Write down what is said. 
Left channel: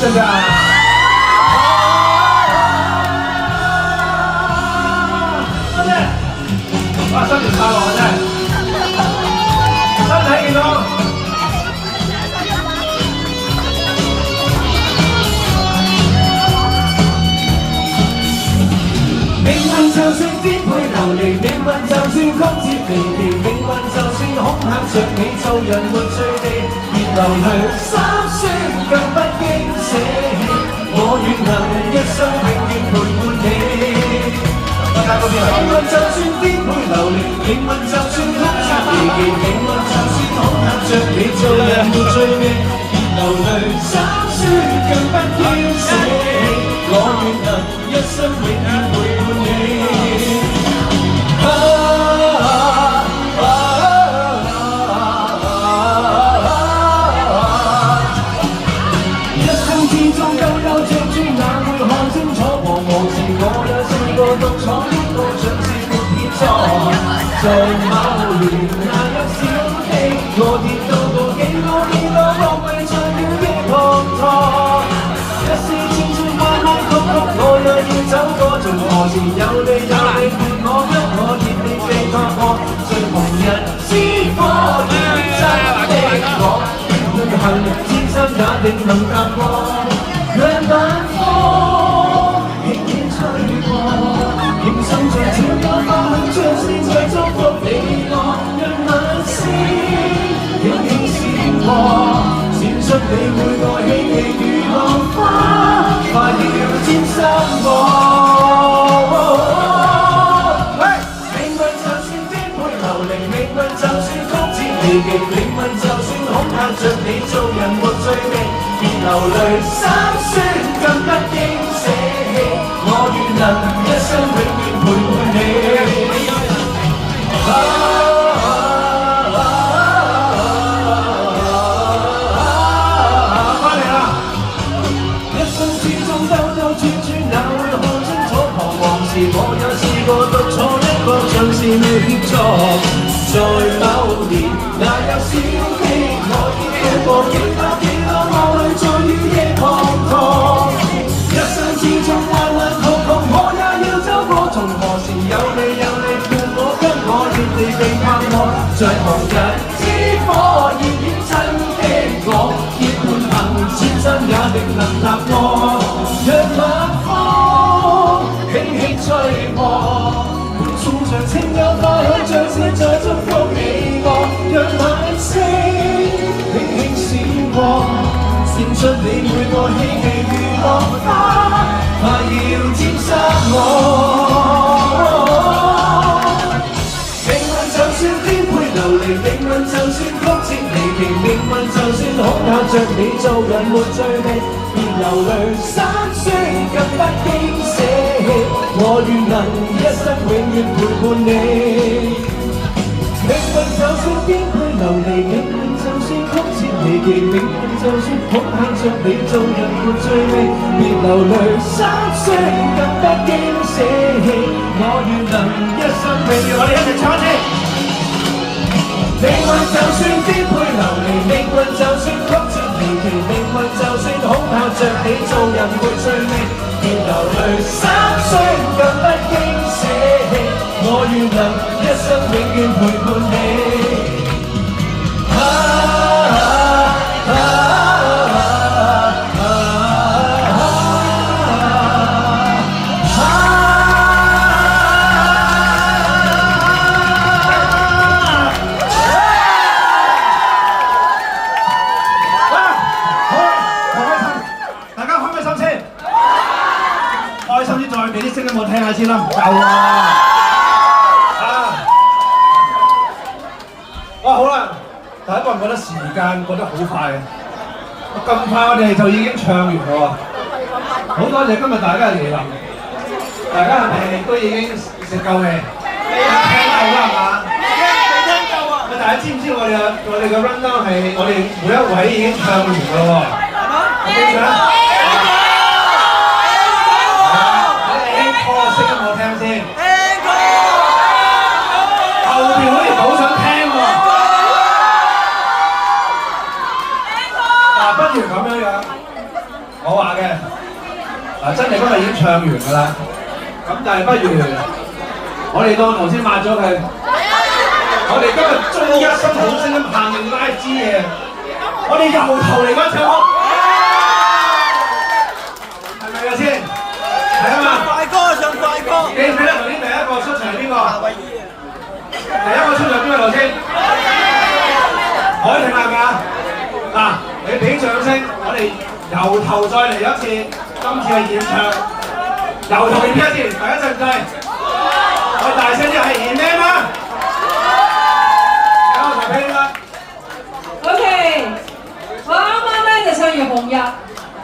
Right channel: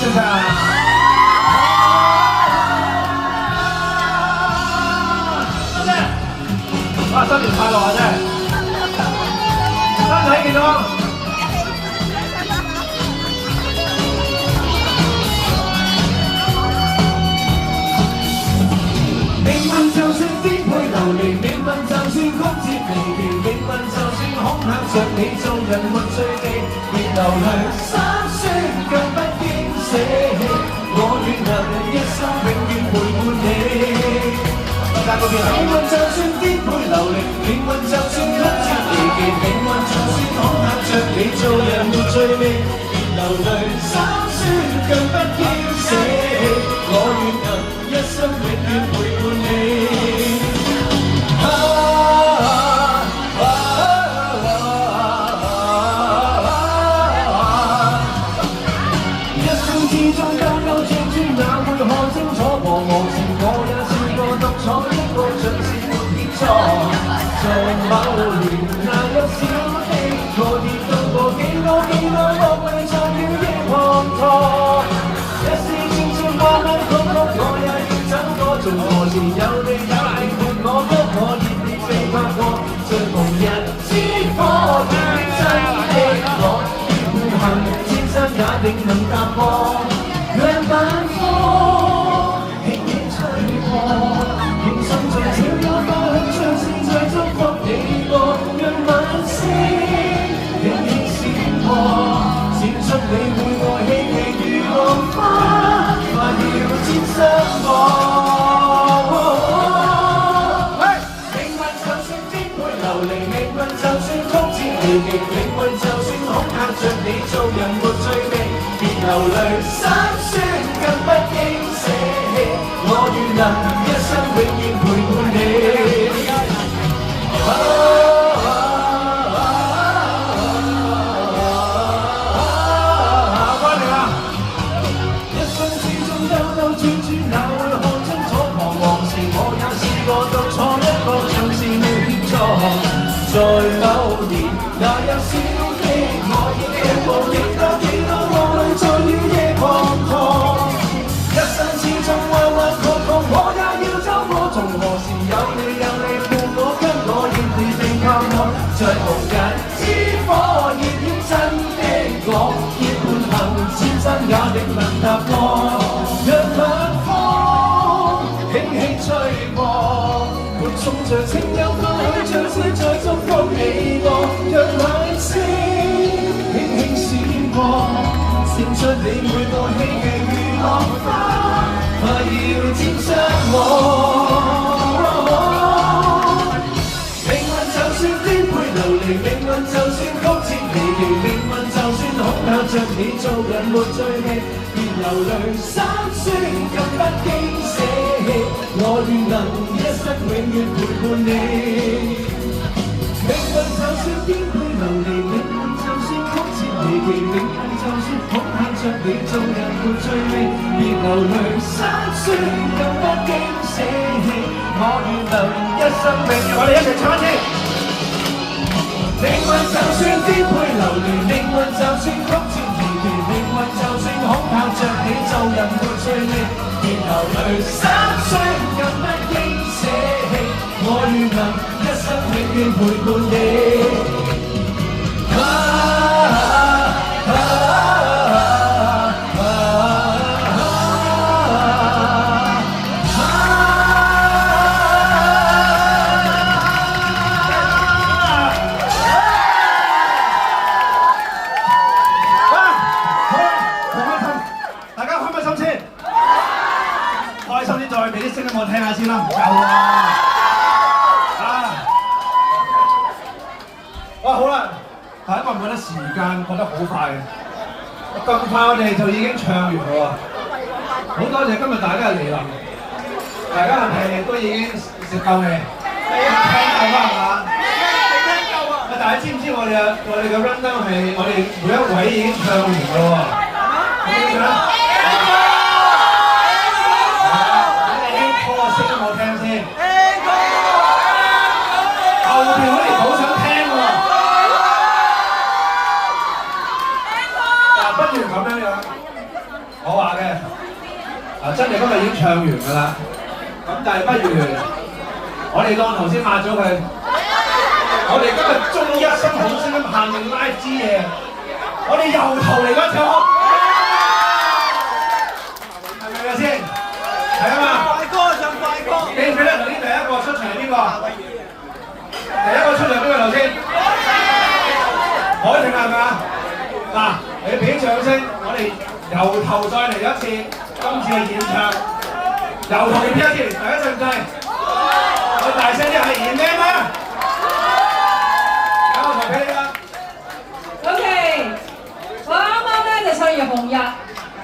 真㗎！多謝，哇！新年快樂啊！真係，身體健康。命運就算顛沛流離，命運就算曲折離奇，命運就算恐嚇着你，做人沒趣地，別流淚心酸，更不經捨棄。我願能一生永遠陪伴你。命運就算顛沛流離，命運就算曲折離奇，命運就算恐嚇着你，做人沒趣味，別流淚心酸，更不經捨棄。我願能一生永遠陪伴你。一生之中兜兜轉轉，哪會看清楚？彷徨時我也試過獨闖一個像是沒天錯。在某年那一小溪，我跌到過幾多惡迷在了的滂沱。一時千千彎彎曲曲，我也要走過，從何時有你有你伴我，給我熱烈地拍過，最紅日之火燃真的我，每行千山也定能踏過，讓晚風輕輕吹過，仍送着小幽花香，像是在祝福你我，讓晚星輕輕閃過，閃出你每個希冀如浪花，快要沾濕我。命運就算顛沛流離，命運就算曲折離奇，命運就算恐嚇着你，做人沒趣味，別流淚心酸，更不應捨棄。我願能一生永遠陪伴你。我獨闖一個像是亂錯，在某年那有小溪，我已跳過幾多惡淚，在了夜滂沱。一生之中彎彎曲曲，我也要走過，從何時有你伴我，給我熱烈地拍過，在紅日之火熱戀真的我，結伴行千山也定能踏過，讓晚風輕輕吹過，伴送着清幽花香，像是在祝福你我，讓晚星輕輕閃過，閃出你每個希冀如浪花，快要沾濕我。命運就算顛沛流離，命運就算曲折離奇，命運就算恐嚇着你，做人沒趣味，別流淚心酸，更不經捨棄。我願能一生永遠陪伴你。命運就算顛沛流離，命運就算曲折離奇，命運就算恐嚇着你，做人沒趣味，別流淚心酸，更不經捨棄。我願能一生永遠，我哋一齊唱一次。命運就算顛沛流離，命運就算曲折離奇，命運就算恐嚇着你，做人沒趣味，別流淚心酸，更不經捨棄。我願能一生永遠陪伴你。我聽下先啦，唔夠啊！哇，好啦，大家覺唔覺得時間過得好快？咁快我哋就已經唱完咗啊！好多謝今日大家嘅嚟臨，大家係咪都已經食夠未？聽夠啦係嘛？未聽夠啊！大家知唔知我哋嘅 rundown 係我哋每一位已經唱完㗎喎？有冇唱？聲我聽先，後邊好似好想聽喎，嗱，不如咁樣樣，我話嘅嗱，真係今日已經唱完㗎啦。咁但係不如我哋當頭先抹咗佢，我哋今日中一新好聲音限定 live 之夜，我哋由頭嚟嗰唱曲，係咪嘅先？係啊嘛。快歌唱快歌。記唔記得頭先第一個出場係邊個？第一個出場邊個頭先？海婷係咪啊？嗱，你俾掌聲，我哋由頭再嚟一次，今次係演唱，由頭嚟一次，第一陣計，我大聲啲係演咩嘛？